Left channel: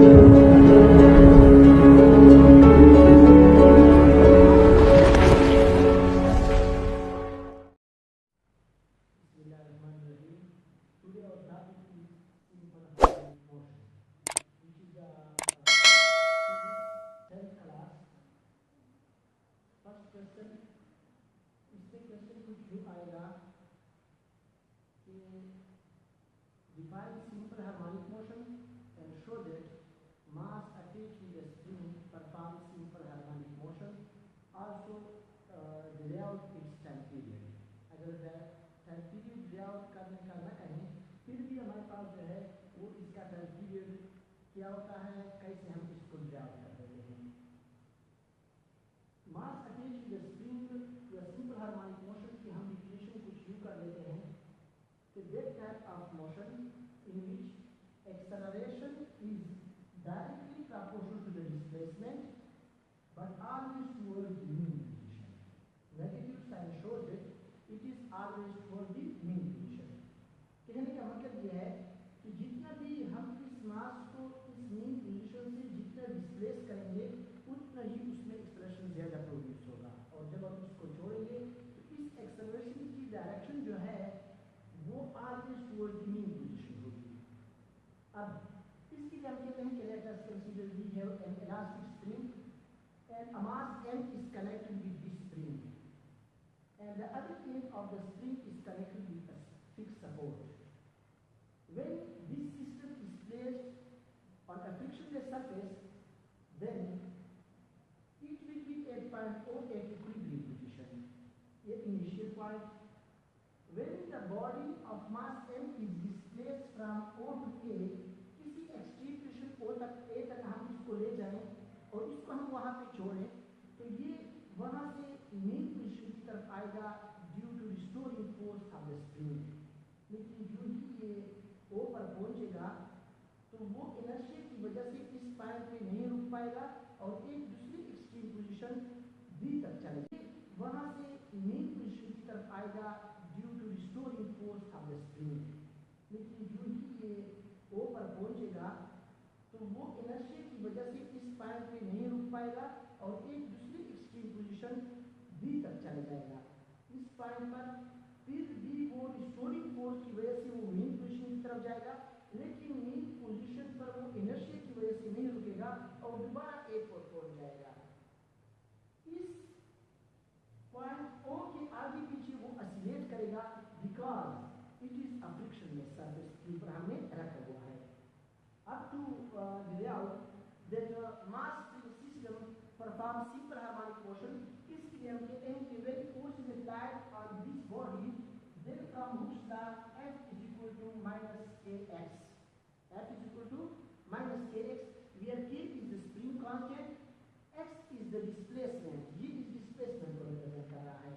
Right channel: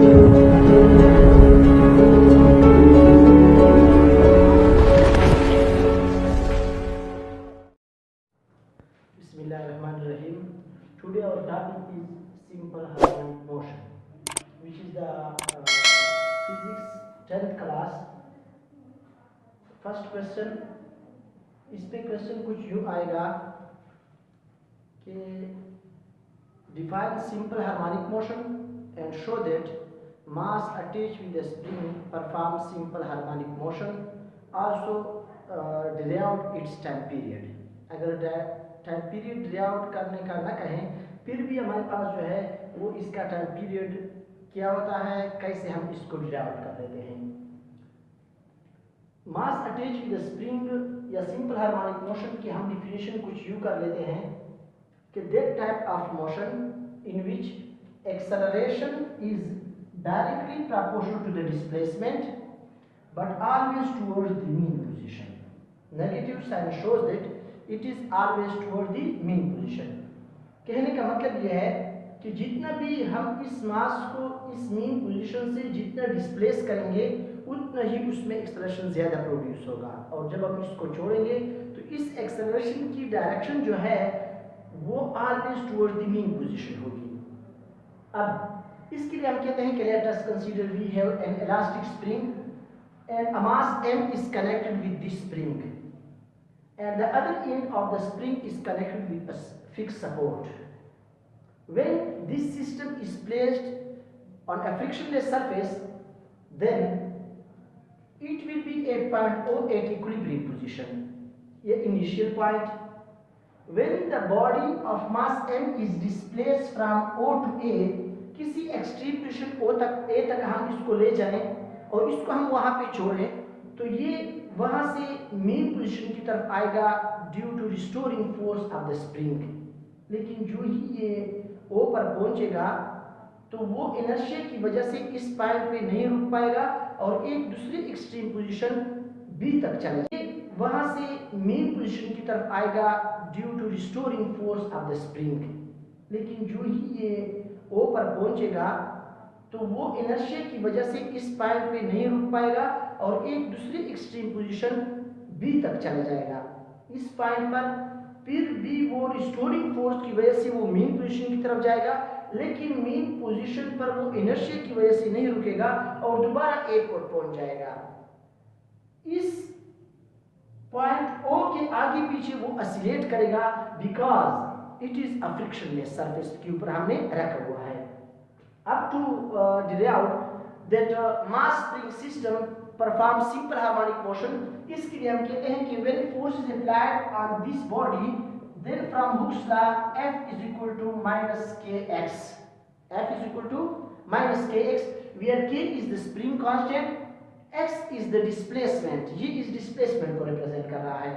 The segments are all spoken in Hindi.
Bismillahirrahmanirrahim. Today our topic is simple harmonic motion, which is the physics 10th class. First question, इस पे क्वेश्चन कुछ यूँ आएगा कि define simple harmonic motion and show that mass attach with the spring perform simple harmonic motion, also derive it's time period. अगर टाइम पीरियड डिराइव करने का ना कहें, फिर भी हमारे पास जो है वो इसका टाइम पीरियड क्या होता है, कैसे हम इसको डिराइव कर लेते हैं। मास अटैच विद स्प्रिंग या सिंपल हार्मोनिक मोशन की हम डिफिनेशन कुछ यूँ कर लेते हैं कि that type of motion in which acceleration is directly proportional to the displacement but always towards the mean position. Negative sign shows that it is always towards the mean position. कहने का मतलब यह है कि जितना भी हम इस मास को इस मीन पोजीशन से जितना डिस्प्लेस करेंगे उतना ही उसमें एक्सेलरेशन ज़्यादा प्रोड्यूस होगा, और जब हम इसको छोड़ेंगे तो इस एक्सेलरेशन की डायरेक्शन जो है वो always towards the mean position होगी। अब इसके लिए हम कहते हैं कि let us consider we have an elastic spring and a mass m is connected with this spring and the other end of the spring is connected with a fixed support. When this system is placed on a frictionless surface, then it will be at point O at equilibrium position, a initial point. When the body of mass m is displaced from O to A, किसी एक्सट्रीम पोजीशन O तक A तक हम इसको ले जाएं और इसको हम वहाँ पे छोड़ें, तो ये वहाँ से मेन पोजीशन की तरफ आएगा due to restoring force of the spring. लेकिन जो ही ये O पर पहुँचेगा तो वो इनर्शिया की वजह से इस पॉइंट पे नहीं रुक पाएगा और एक दूसरी एक्सट्रीम पोजीशन B तक चले जाएगा, वहाँ से मेन पोजीशन की तरफ आएगा due to restoring force of the spring. लेकिन जो ही ये O पर पहुँचेगा तो वो इनर्शिया की वजह से इस पॉइंट पे नहीं रुक पाएगा और एक दूसरी एक्सट्रीम पोजीशन B तक चला जाएगा। इस पॉइंट पर फिर भी वो रिस्टोरिंग फोर्स की वजह से वो मेन पोजीशन की तरफ जाएगा, लेकिन मेन पोजीशन पर वो इनर्शिया की वजह से नहीं रुकेगा और दोबारा A पर पहुंच जाएगा। इस पॉइंट O के आगे पीछे वो ऑसिलेट करेगा because it is a frictionless surface के ऊपर हमने रखा हुआ है। अब to derive that mass spring system perform simple harmonic motion, इसके लिए हम कहते हैं कि when force is applied on this body then from Hooke's law F is equal to minus kx. F is equal to minus kx, where k is the spring constant, x is the displacement, ये इस displacement को represent कर रहा है।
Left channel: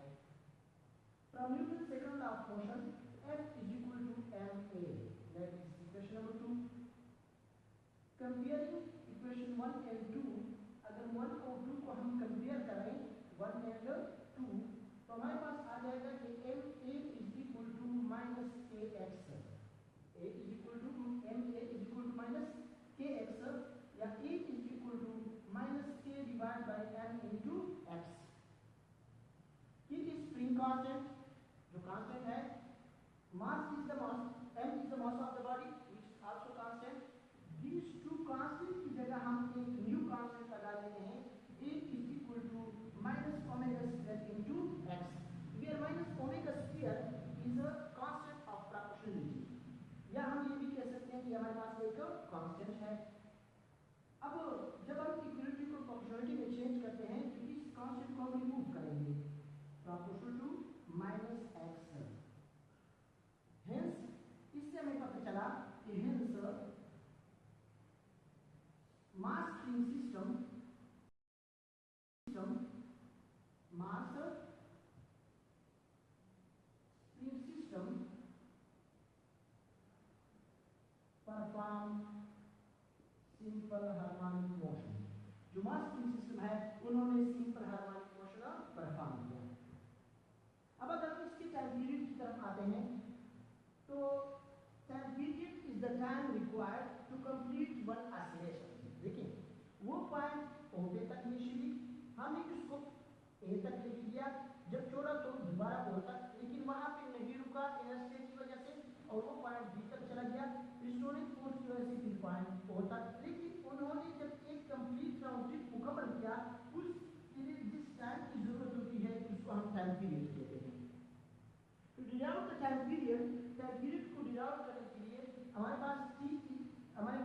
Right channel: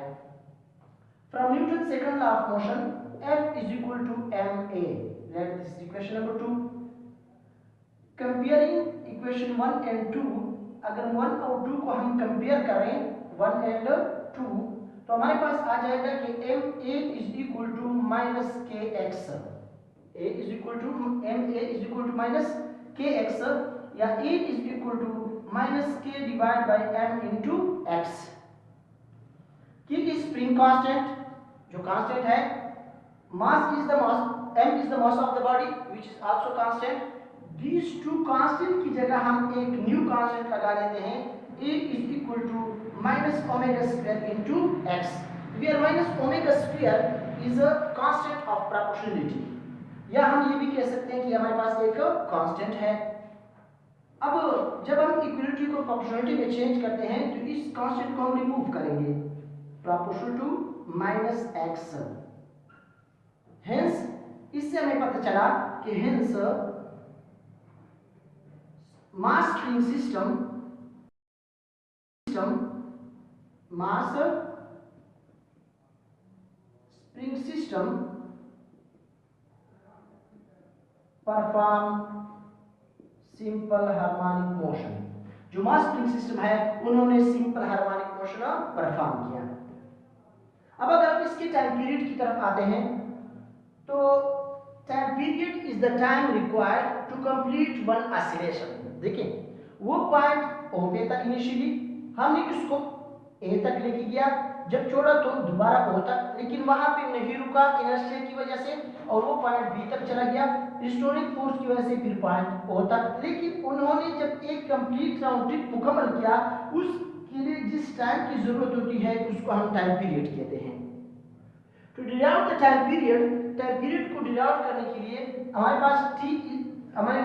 From Newton's second law of motion F is equal to ma. Let this is equation number 2. Comparing equation 1 and 2, अगर 1 और 2 को हम compare करें 1 and 2 तो हमारे पास आ जाएगा कि ma is equal to minus kx, a is equal to ma is equal to minus kx, या a is equal to minus k divided by m into x। k is spring constant, जो constant है, mass is the mass, m is the mass of the body which is also constant। these two constant की जगह हम एक new constant लगा लेते हैं, a is equal to minus omega square into x, where minus omega square is a constant of proportionality, या हम ये भी कह सकते हैं कि हमारे पास एक कांस्टेंट है। अब जब हम इक्वलिटी को प्रोपोर्शनलिटी में चेंज करते हैं तो इस कांस्टेंट को हम रिमूव करेंगे, proportional to minus x. Hence इससे हमें पता चला कि hence mass spring system mass spring system perform simple harmonic motion. जो मास स्प्रिंग सिस्टम है उन्होंने सिंपल हार्मोनिक मोशन परफॉर्म किया। अब अगर हम इसके टाइम पीरियड की तरफ आते हैं तो time period is the time required to complete one oscillation. देखिए वो पॉइंट ओ पे तक इनिशियली हमने उसको ए तक लेके गया, जब छोड़ा तो दोबारा ओ तक, लेकिन वहां पे नहीं रुका इनर्शिया की वजह से और वो पॉइंट बी तक चला गया रिस्टोरिंग फोर्स की वजह से, फिर पॉइंट ओ तक। लेकिन उन्होंने जब एक कंप्लीट राउंड ट्रिप मुकम्मल किया, उसके लिए जिस टाइम की जरूरत होती है उसको हम टाइम पीरियड कहते हैं। To derive the time period को डिराइव करने के लिए हमारे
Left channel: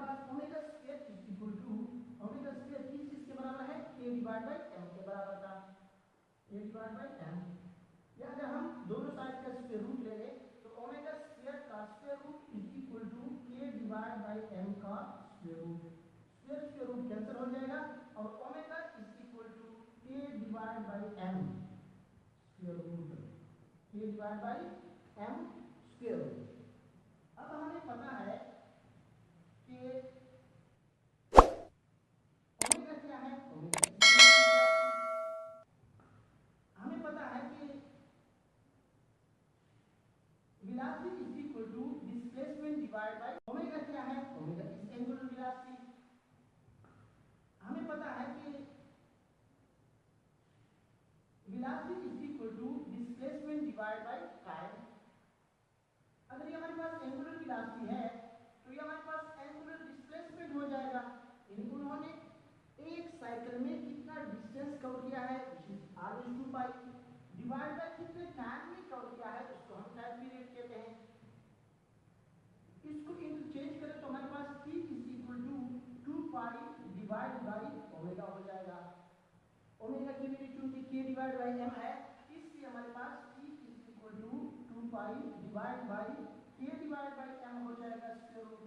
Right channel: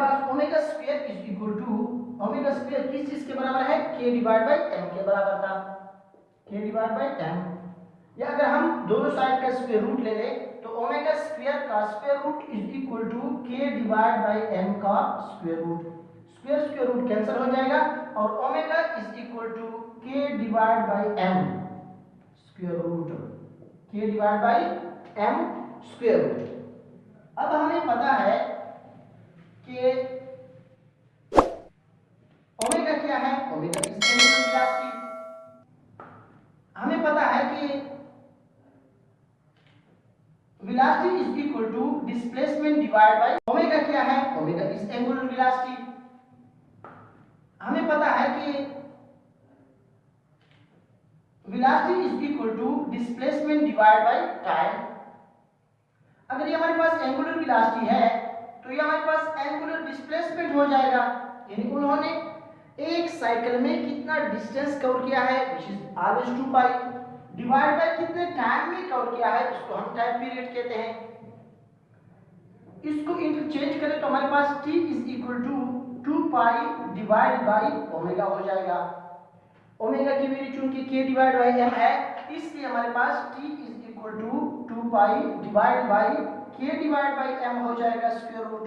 पास omega square is equal to, omega square किस चीज के बराबर है, k डिवाइड बाय m के बराबर था, k डिवाइड बाय m। या अगर हम दोनों साइड का स्क्वायर रूट ले लें तो ओमेगा स्क्वायर का square root is equal to k divide by m का square root, square root cancel हो जाएगा और omega is equal to k divide by m square root, k divide by m square root. अब हमें पता है कि ओमेगा क्या है, ओमेगा इज एंगुलर वेलोसिटी। हमें पता है कि velocity is equal to displacement divide by, omega क्या है, ओमेगा इज एंगुलर वेलोसिटी। हमें पता है कि velocity is equal to displacement divide by time. अगर ये हमारे पास एंगुलर वेलोसिटी है तो ये हमारे पास एंगुलर डिस्प्लेसमेंट हो जाएगा, यानी उन्होंने एक साइकिल में कितना डिस्टेंस कवर किया है which is always 2 pi divide bye कितने टाइम में कवर किया है, उसको हम टाइम पीरियड कहते हैं। इसको इंटरचेंज करें तो हमारे पास t is equal to 2 pi divide by omega हो जाएगा। ओमेगा की वैल्यू चूंकि k डिवाइड बाय m है, इसलिए हमारे पास t is equal to 2 pi divide by k divide by m हो जाएगा स्क्वायर रूट।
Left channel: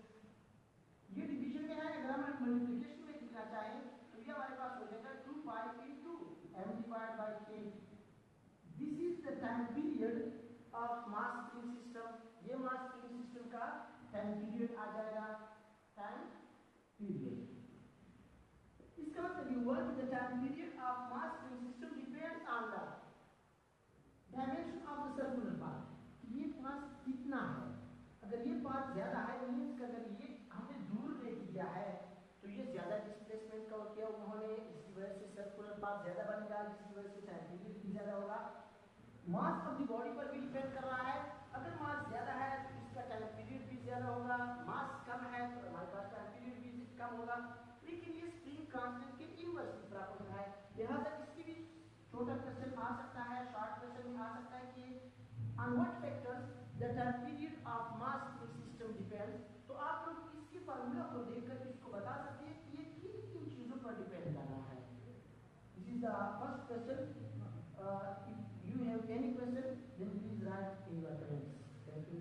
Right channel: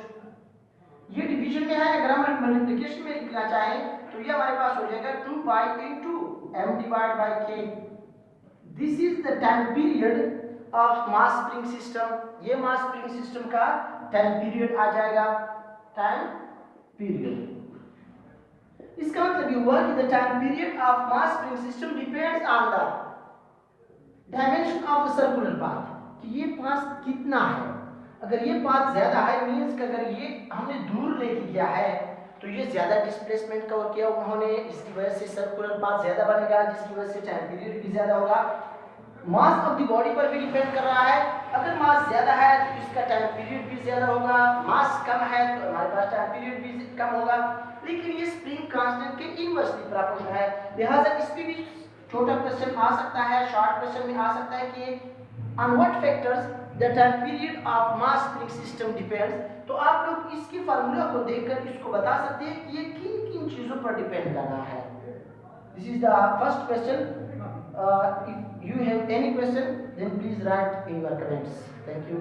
ये डिवीजन में है, अगर हम मल्टीप्लिकेशन में लिखना चाहें तो ये हमारे पास हो जाएगा 2 पाई into m divide by k। This is the time period of mass spring system. ये मास स्प्रिंग सिस्टम का टाइम पीरियड आ जाएगा, टाइम पीरियड। इसका मतलब ये हुआ कि the time period of mass spring system depends on the dimension of the circular path, कि ये पाथ कितना है। अगर ये पाथ ज्यादा है मींस कि अगर ये हमने दूर लेके गया है तो ये ज्यादा डिस्प्लेसमेंट कवर किया उन्होंने, इसकी वजह से सर्कुलर पाथ ज्यादा बनेगा, जिसकी वजह से टाइम पीरियड भी ज्यादा होगा। मास ऑफ द बॉडी पर भी डिपेंड कर रहा है, अगर मास ज्यादा है तो इसका टाइम पीरियड भी ज्यादा होगा, मास कम है तो हमारे पास टाइम पीरियड भी कम होगा। लेकिन ये स्प्रिंग कांस्टेंट के इनवर्सली प्रोपोर्शनल है, लिहाजा इस पे भी छोटा क्वेश्चन आ सकता है, शॉर्ट क्वेश्चन में आ सकता है कि on what factors the time period of mass spring system depends. तो आप लोग इसके फार्मूला को देखकर इसको बता सकते हैं कि ये किन किन चीजों पर डिपेंड कर रहा है। This is the first question. If you have any question then please write in your comments. Thank you.